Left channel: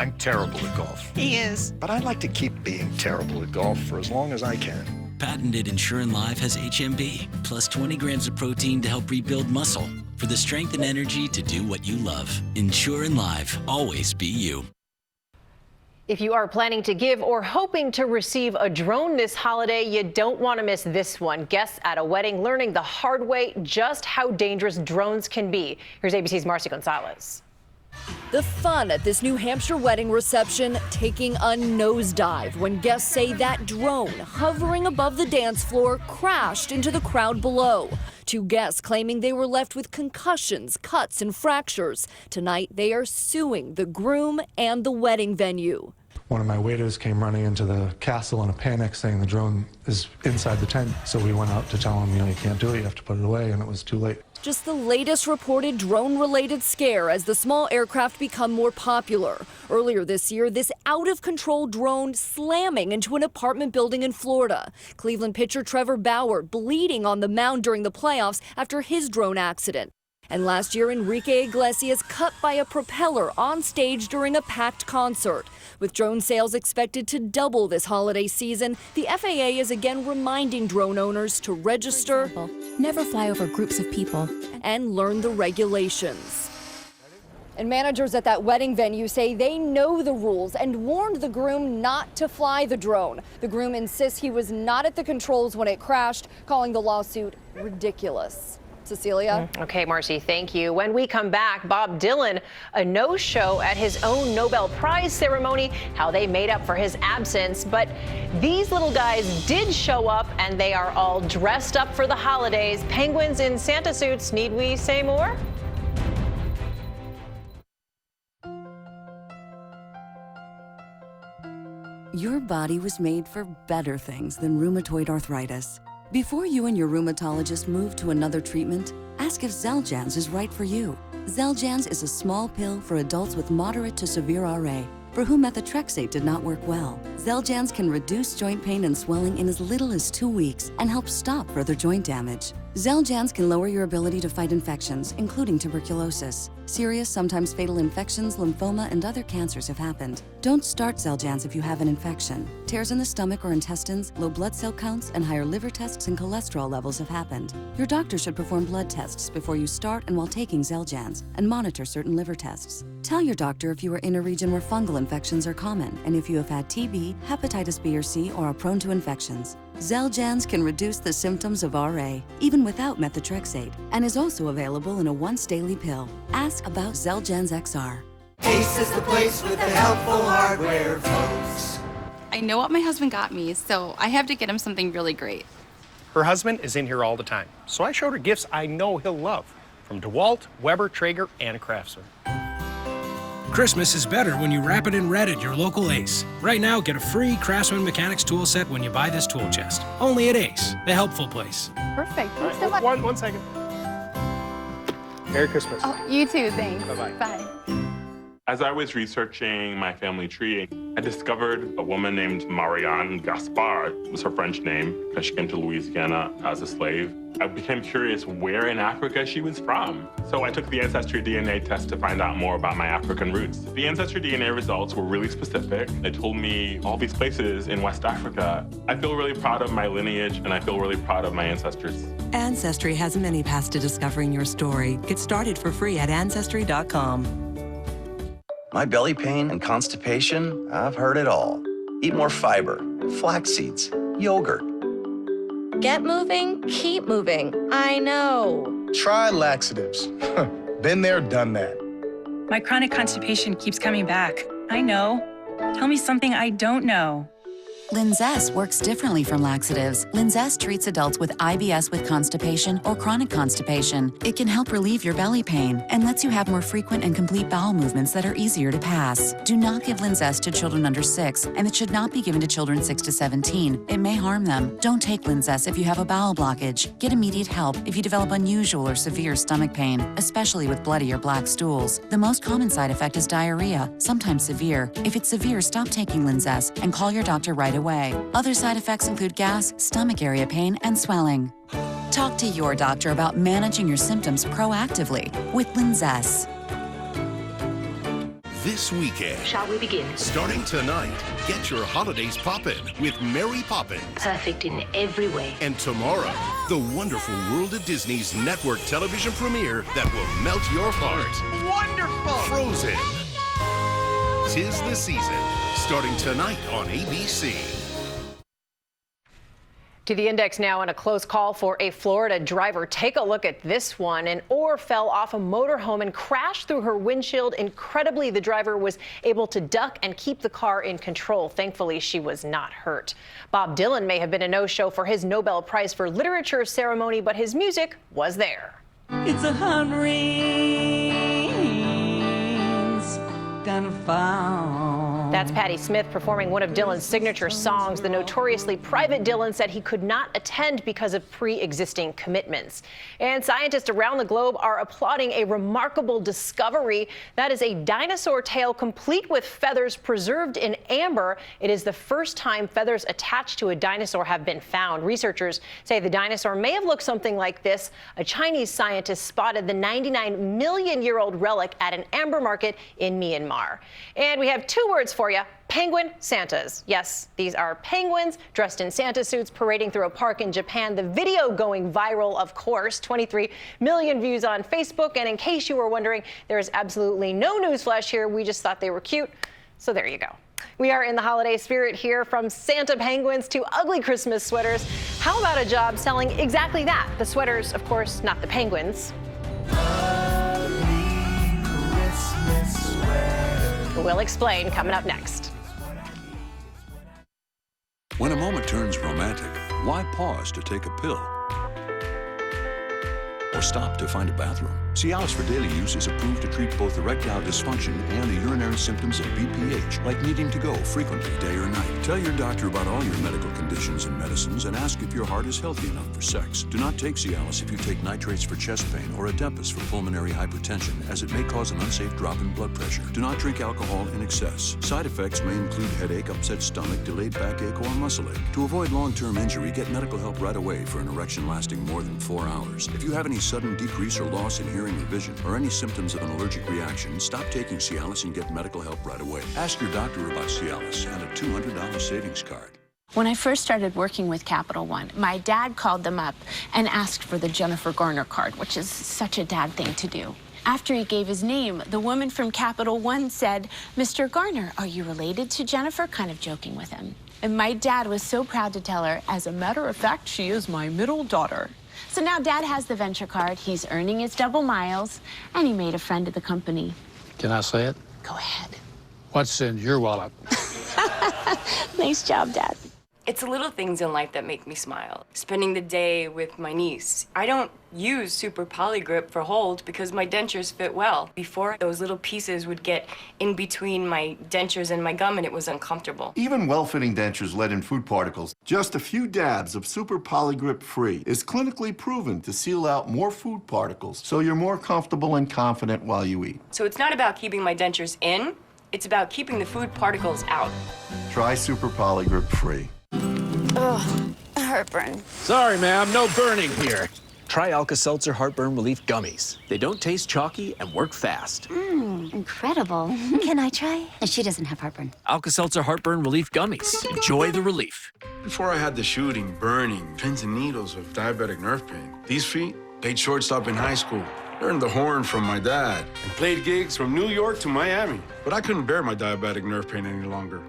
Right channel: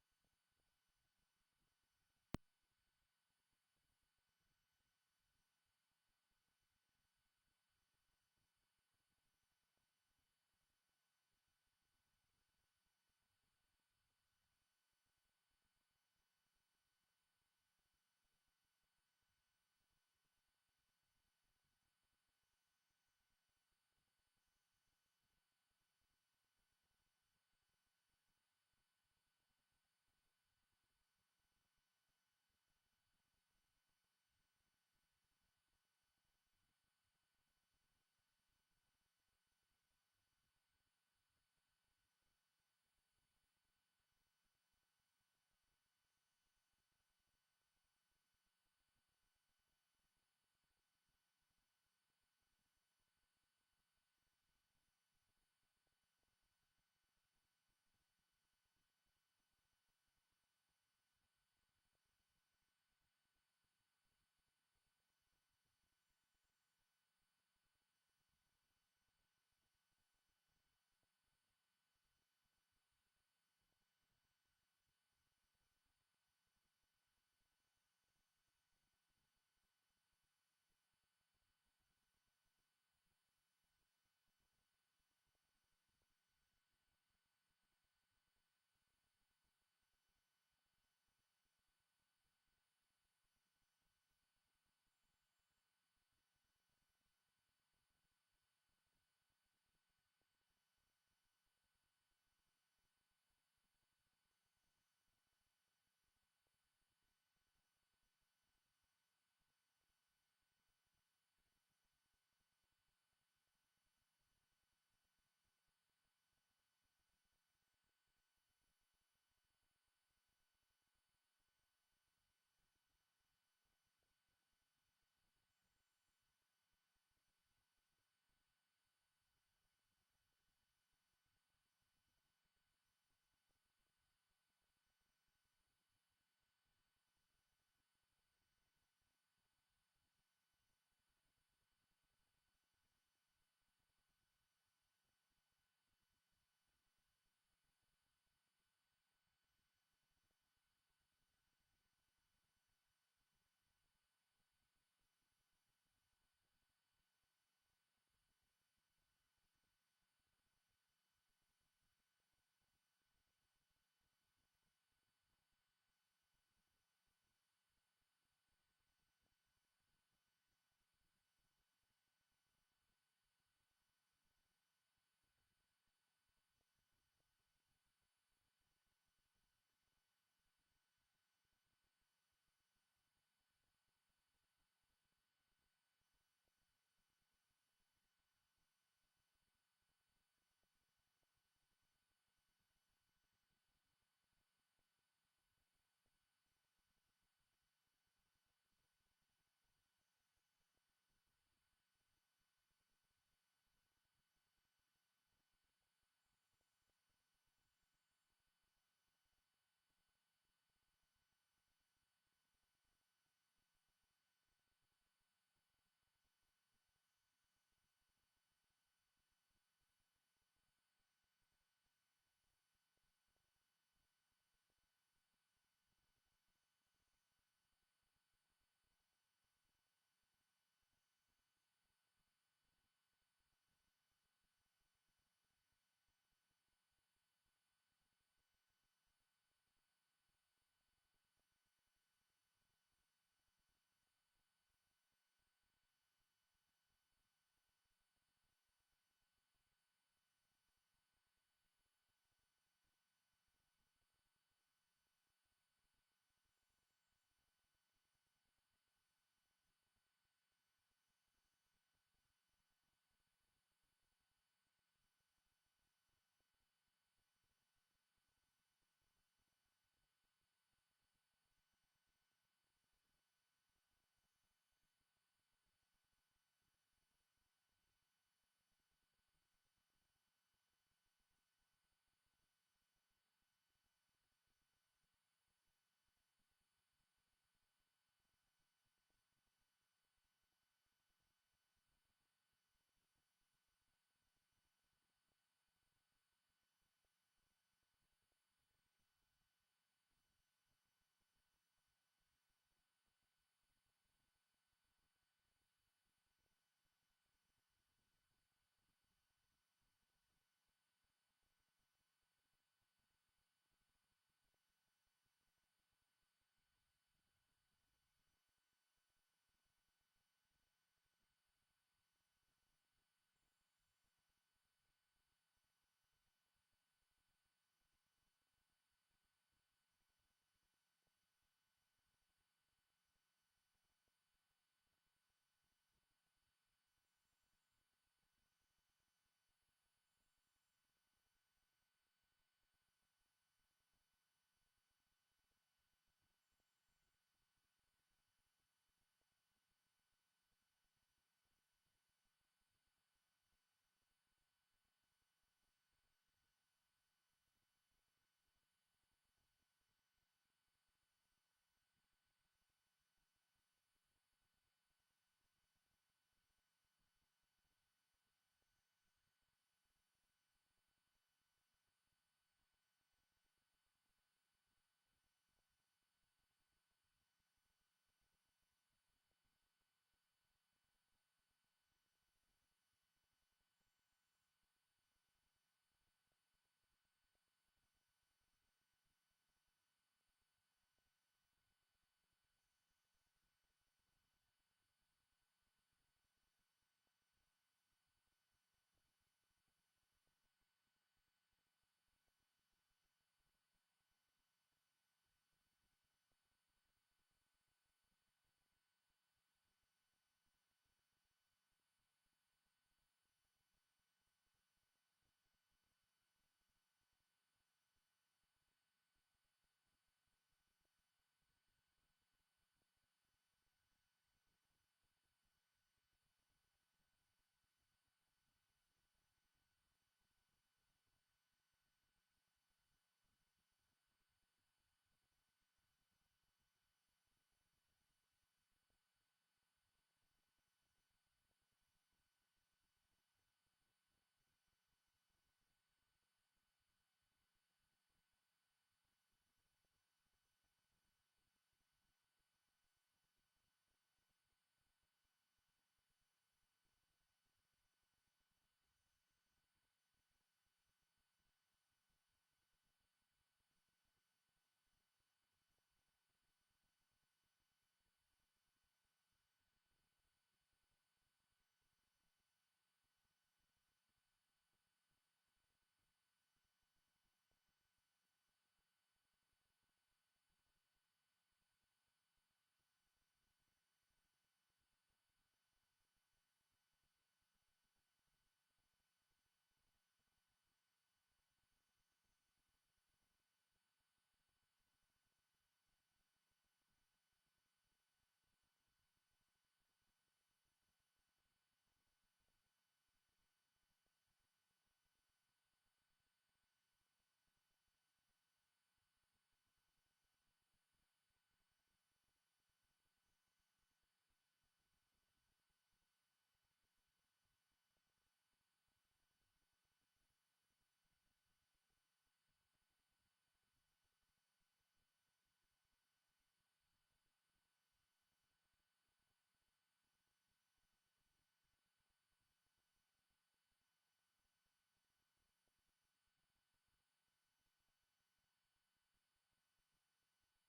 I'm terrible at golf. He is. But I'd like to keep being terrible at golf for as long as I can. Patented EnsureNLive has HMB, plus 20 grams of protein to help rebuild muscle, for the strength and energy to do what you love. EnsureNLive, always be you. If you are planning to give or hoping to receive a drone this holiday, you don't want to miss this one. Guests at a wedding learning the hard way just how dangerous drones can be. Here's ABC's Marcy Gonzalez. The fun at this New Hampshire wedding reception taking a nosedive when guests say that drone hovering above the dance floor crashed into the crowd below. Two guests claiming they were left with concussions, cuts, and fractures. Tonight, they are suing the groom and the wedding venue. One of my waiters came running into the castle in a panic saying the drone is inside the tent. So we went out to tell him, you can't do it, you have to put it away, and it was too late. Just the latest reported drone-related scare as the small aircraft become more popular. Earlier this year, this out-of-control drone slamming into an apartment building in Florida. Cleveland pitcher Trevor Bauer bleeding on the mound during the playoffs after his drone accident. And last year, Enrique Iglesias cut by a propeller on stage during a packed concert. With drone sales expected to double this holiday season, the FAA is again reminding drone owners to register, for example, never fly over groups of people, and learn the regulations. And managers at that wedding venue say they know the rules and warned the groom not to fly the drone. The groom insists he was not at the controls when it crashed, calling the lawsuit ridiculous. Cecilia? Okay, Marcy, thank you. When we come back, Bob Dylan, a no-show at his own Nobel Prize ceremony, how they made up for his absence. But these little guys did show up, and they are all dressed up for the holidays. Penguins in Santa suits. Need we say more? Your body was made for better things than rheumatoid arthritis. Before you and your rheumatologist move to another treatment, ask if Xeljanz is right for you. Xeljanz is a small pill for adults with moderate to severe RA, for whom methotrexate did not work well. Xeljanz can reduce joint pain and swelling in as little as 2 weeks and help stop further joint damage. Xeljanz can lower your ability to fight infections, including tuberculosis. Serious, sometimes fatal infections, lymphoma, and other cancers have happened. Don't start Xeljanz if you have an infection. Tears in the stomach or intestines, low blood cell counts, and higher liver tests and cholesterol levels have happened. Your doctor should perform blood tests before you start and while taking Xeljanz, and monitor certain liver tests. Tell your doctor if you are in a region where fungal infections are common, and if you have had TB, hepatitis B or C, or are prone to infections. Xeljanz can reduce the symptoms of RA, even without methotrexate, and is also available in a once-daily pill. Ask about Xeljanz XR. Ace is the place with the helpful hardware, folks. I know what my husband got me, so I have to get him something really great. Her husband is in here all the time, so I showed her gifts I know he'll love, from DeWalt, Weber, Traeger, and Craftsman. Christmas is better when you wrap it in red at your local Ace. Right now, get a free Craftsman Mechanics tool set when you buy this tool chest. Only at Ace, the helpful place. Perfect. Thanks All so right, much. one second. Merry Christmas. Oh, you too, thanks. Bye-bye. Bye. As I was researching my family tree, I discovered a woman named Marianne Gaspard. It was her French name because she came to Louisiana as a slave. I became curious where in Africa she was from. So I took the Ancestry DNA test to find out more about my African roots. The Ancestry DNA results were really specific. They told me all these places in West Africa. I feel really proud of my lineage, and I feel really proud of my ancestors. Ancestry has many paths to discovering your story. Get started for free at Ancestry.com. My belly pain and constipation, I've heard it all. Eat more fiber, flax seeds, yogurt. Get moving, keep moving. I know. Try laxatives. Been there, done that. My chronic constipation keeps coming back. I know. Tell me something I don't know. Linzess works differently from laxatives. Linzess treats adults with IBS with constipation or chronic constipation. It can help relieve your belly pain and lets you have more frequent and complete bowel movements that are easier to pass. Do not give Linzess to children under 6, and it should not be given to children 6 to 17. It may harm them. Don't take Linzess if you have a bowel blockage. Get immediate help if you develop unusual or severe stomach pain, especially with bloody or black stools. The most common side effect is diarrhea, sometimes severe. If it's severe, stop taking Linzess and call your doctor right away. Other side effects include gas, stomach area pain, and swelling. Talk to your doctor about managing your symptoms proactively with Linzess. this weekend. Shall we begin? Starting tonight, get your holidays poppin' with Mary Poppins. Perfect in every way. And tomorrow, the wonderful world of Disney's network television premiere that will melt your heart. Wonderful! Frozen. 'Tis the season. Starting tonight on ABC. To the index now, and a close call for a Florida driver. Take a look at this one. An oar fell off a motorhome and crashed through her windshield. Incredibly, the driver was able to duck and keep the car in control. Thankfully, she was not hurt. Bob Dylan may have been a no-show for his Nobel Prize for Literature ceremony, but his music was there. It's 100 rings gonna fall. That's Patti Smith performing one of Dylan's signature songs. The notoriously private Dylan said he could not attend because of pre-existing commitments. And scientists around the globe are applauding a remarkable discovery. That is a dinosaur tail complete with feathers preserved in amber. It is the first time feathers attached to a dinosaur have been found. Researchers say the dinosaur may have looked something like this. A Chinese scientist spotted the 99-million-year-old relic at an amber market in Myanmar. And we have two words for you: penguin Santas. Yes, these are penguins dressed in Santa suits parading through a park in Japan. The video going viral, of course, 23 million views on Facebook. And in case you were wondering, there is absolutely no newsflash here. We just thought they were cute. So there you go. We are in the holiday spirit here, from Santa penguins to ugly Christmas sweaters. How about a job selling exactly that? The sweaters, of course, not the penguins. We'll explain coming up next. When a moment turns romantic, why pause to take a pill? Or stop to find a bathroom? Cialis for daily use is approved to treat both erectile dysfunction and the urinary symptoms of BPH, like needing to go frequently, day or night. Tell your doctor about all your medical conditions and medicines and ask if your heart is healthy enough for sex. Do not take Cialis if you take nitrates for chest pain or Adepis for pulmonary hypertension, as it may cause an unsafe drop in blood pressure. Do not drink alcohol in excess. Side effects may include headache, upset stomach, delayed backache, or muscle ache. To avoid long-term injury, get medical help right away for an erection lasting more than 4 hours. If you have any sudden decrease or loss in hearing or vision, or any symptoms of an allergic reaction, stop taking Cialis and get medical help right away. Ask your doctor about Cialis and a $200 savings card. When I first started working with Capital One, my dad called them up and asked for the Jennifer Garner card, which is such a dad thing to do. After he gave his name, the woman from Capital One said, "Mr. Garner, are you related to Jennifer?" kind of joking with him. And my dad was so proud to tell her, "As a matter of fact, she is my middle daughter." So now Dad has the Venture card, he's earning his double miles, and he made a friend of the company. Can I say it? Go ahead. What's in your wallet? Nice job, Dad. It's the little things in life that make me smile. Spending the day with my niece. I don't use Super Polygrip for hold because my dentures fit well. Before, those little pieces would get in between my dentures and my gum, and it was uncomfortable. Even well-fitting dentures let in food particles. Just a few dabs of Super Polygrip Free is clinically proven to seal out more food particles, so you're more comfortable and confident while you eat. So it's not about keeping my dentures in, it's about keeping the food particles out. Try Super Polygrip Free. Ugh, heartburn. Sorry, ma'am, no burning here. Try Alka-Seltzer Heartburn Relief Gummies. They don't taste chalky and work fast. Incredible. Can I try? She doesn't have heartburn. Alka-Seltzer Heartburn Relief Gummies. Enjoy the relief. Before I had the shooting, burning, pins and needles of diabetic nerve pain, these feet played shortstop in high school, learned the horn from my dad, and played gigs from New York to Miami. But I couldn't bear my diabetic nerve pain any longer.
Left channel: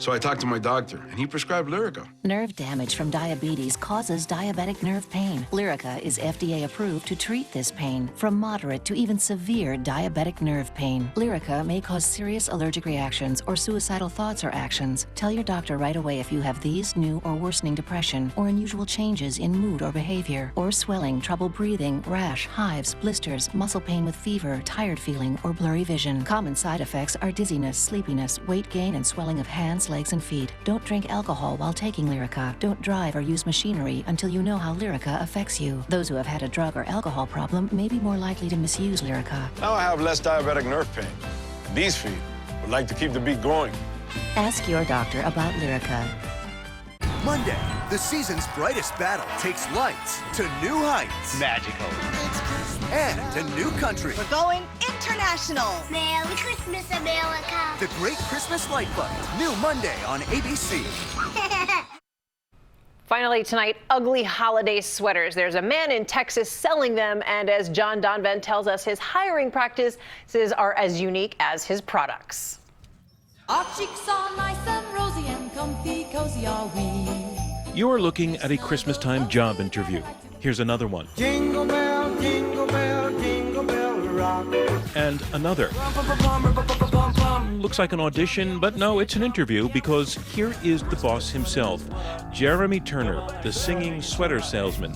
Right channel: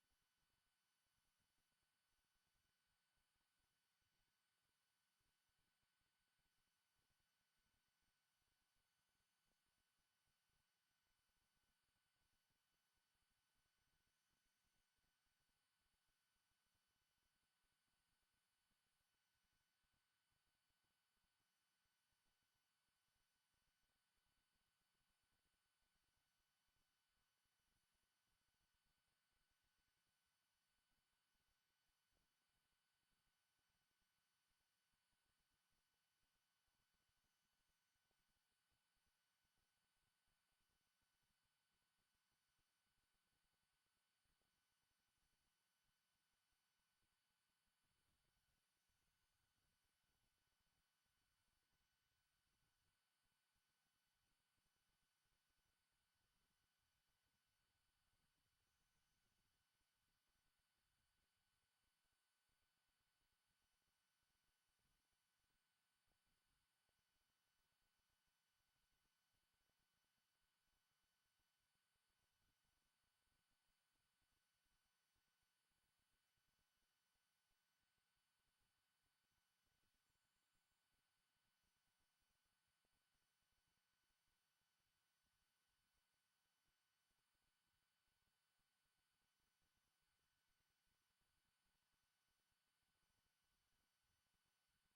So I talked to my doctor, and he prescribed Lyrica. Nerve damage from diabetes causes diabetic nerve pain. Lyrica is FDA approved to treat this pain, from moderate to even severe diabetic nerve pain. Lyrica may cause serious allergic reactions or suicidal thoughts or actions. Tell your doctor right away if you have these, new or worsening depression, or unusual changes in mood or behavior, or swelling, trouble breathing, rash, hives, blisters, muscle pain with fever, tired feeling, or blurry vision. Common side effects are dizziness, sleepiness, weight gain, and swelling of hands, legs, and feet. Don't drink alcohol while taking Lyrica. Don't drive or use machinery until you know how Lyrica affects you. Those who have had a drug or alcohol problem may be more likely to misuse Lyrica. Now I have less diabetic nerve pain. These feet would like to keep the beat going. Ask your doctor about Lyrica. Monday, the season's brightest battle takes lights to new heights. Magical. And a new country. We're going into International. Merry Christmas, America. The Great Christmas Light Fight. New Monday on ABC. Finally tonight, ugly holiday sweaters. There's a man in Texas selling them, and as John Donvan tells us, his hiring practices are as unique as his products. Our cheeks are nice and rosy and comfy, cozy are we. You are looking at a Christmas-time job interview. Here's another one. Jingle bell, jingle bell, jingle bell rock. And another. Looks like an audition, but no, it's an interview because here is the boss himself, Jeremy Turner, the singing sweater salesman.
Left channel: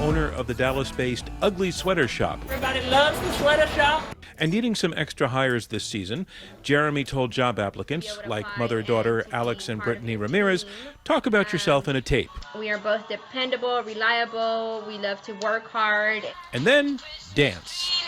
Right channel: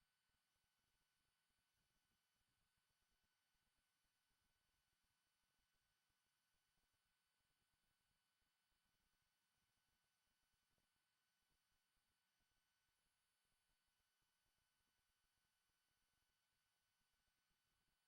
Owner of the Dallas-based Ugly Sweater Shop. Everybody loves the sweater shop. And needing some extra hires this season, Jeremy told job applicants, like mother-daughter Alex and Brittany Ramirez, talk about yourself in a tape. We are both dependable, reliable, we love to work hard. And then dance.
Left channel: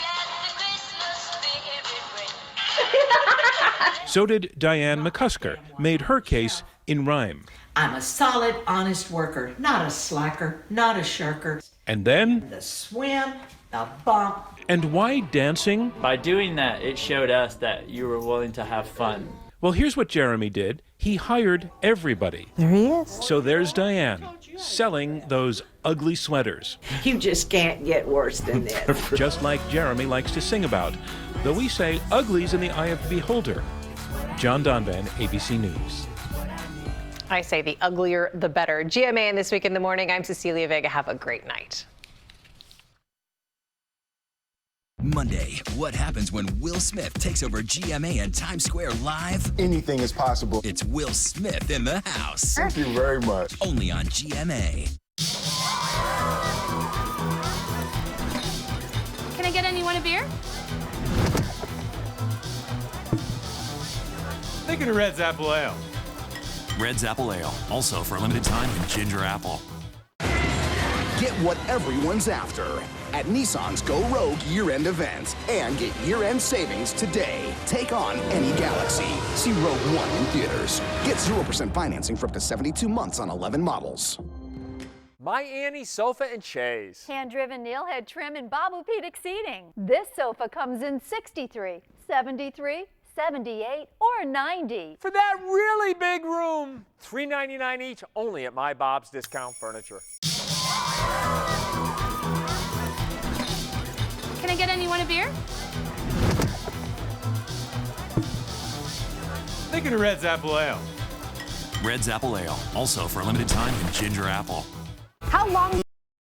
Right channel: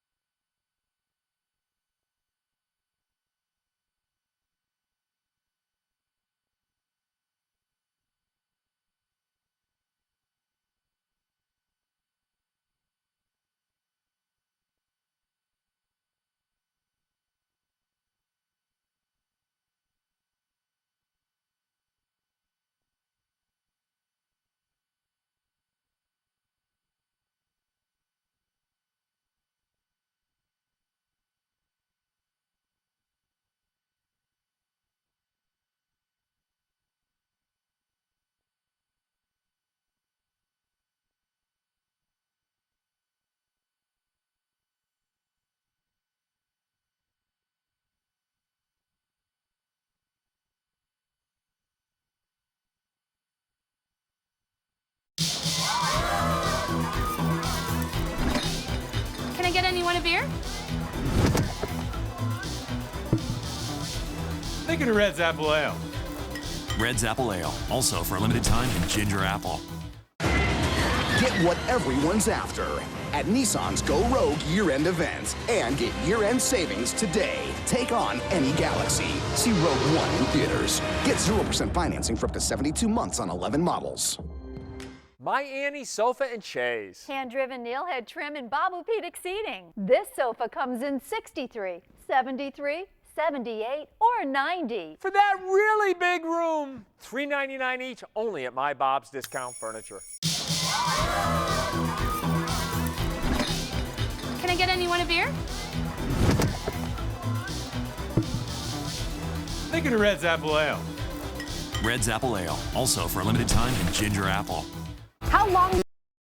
So did Diane McCusker, made her case in rhyme. I'm a solid, honest worker, not a slacker, not a shirker. And then the swim, the bump. And why dancing? By doing that, it showed us that you were willing to have fun. Well, here's what Jeremy did. He hired everybody. There he is. So there's Diane, selling those ugly sweaters. You just can't get worse than this. Just like Jeremy likes to sing about, though we say ugly's in the eye of the beholder. John Donvan, ABC News. I say the uglier, the better. GMA and This Week in the Morning, I'm Cecilia Vega. Have a great night. Monday, what happens when Will Smith takes over GMA and Times Square live? Anything is possible. It's Will Smith in the house. Thank you very much. Only on GMA. Can I get anyone a beer? Thinking of Red's Apple Ale. Red's Apple Ale, also for a limited time in ginger apple. Get what everyone's after at Nissan's Go Rogue year-end event and get year-end savings today. Take on any Galaxy. See Rogue One in theaters. Get 0% financing for up to 72 months on 11 models. My Annie Sofa and Chaise. Hand-driven nailhead trim and Babupedic seating. This sofa comes in 63, 73, 78, or 90. For that really big room. $3.99 each, only at My Bob's Discount Furniture. Can I get anyone a beer? Thinking of Red's Apple Ale. Red's Apple Ale, also for a limited time in ginger apple. How long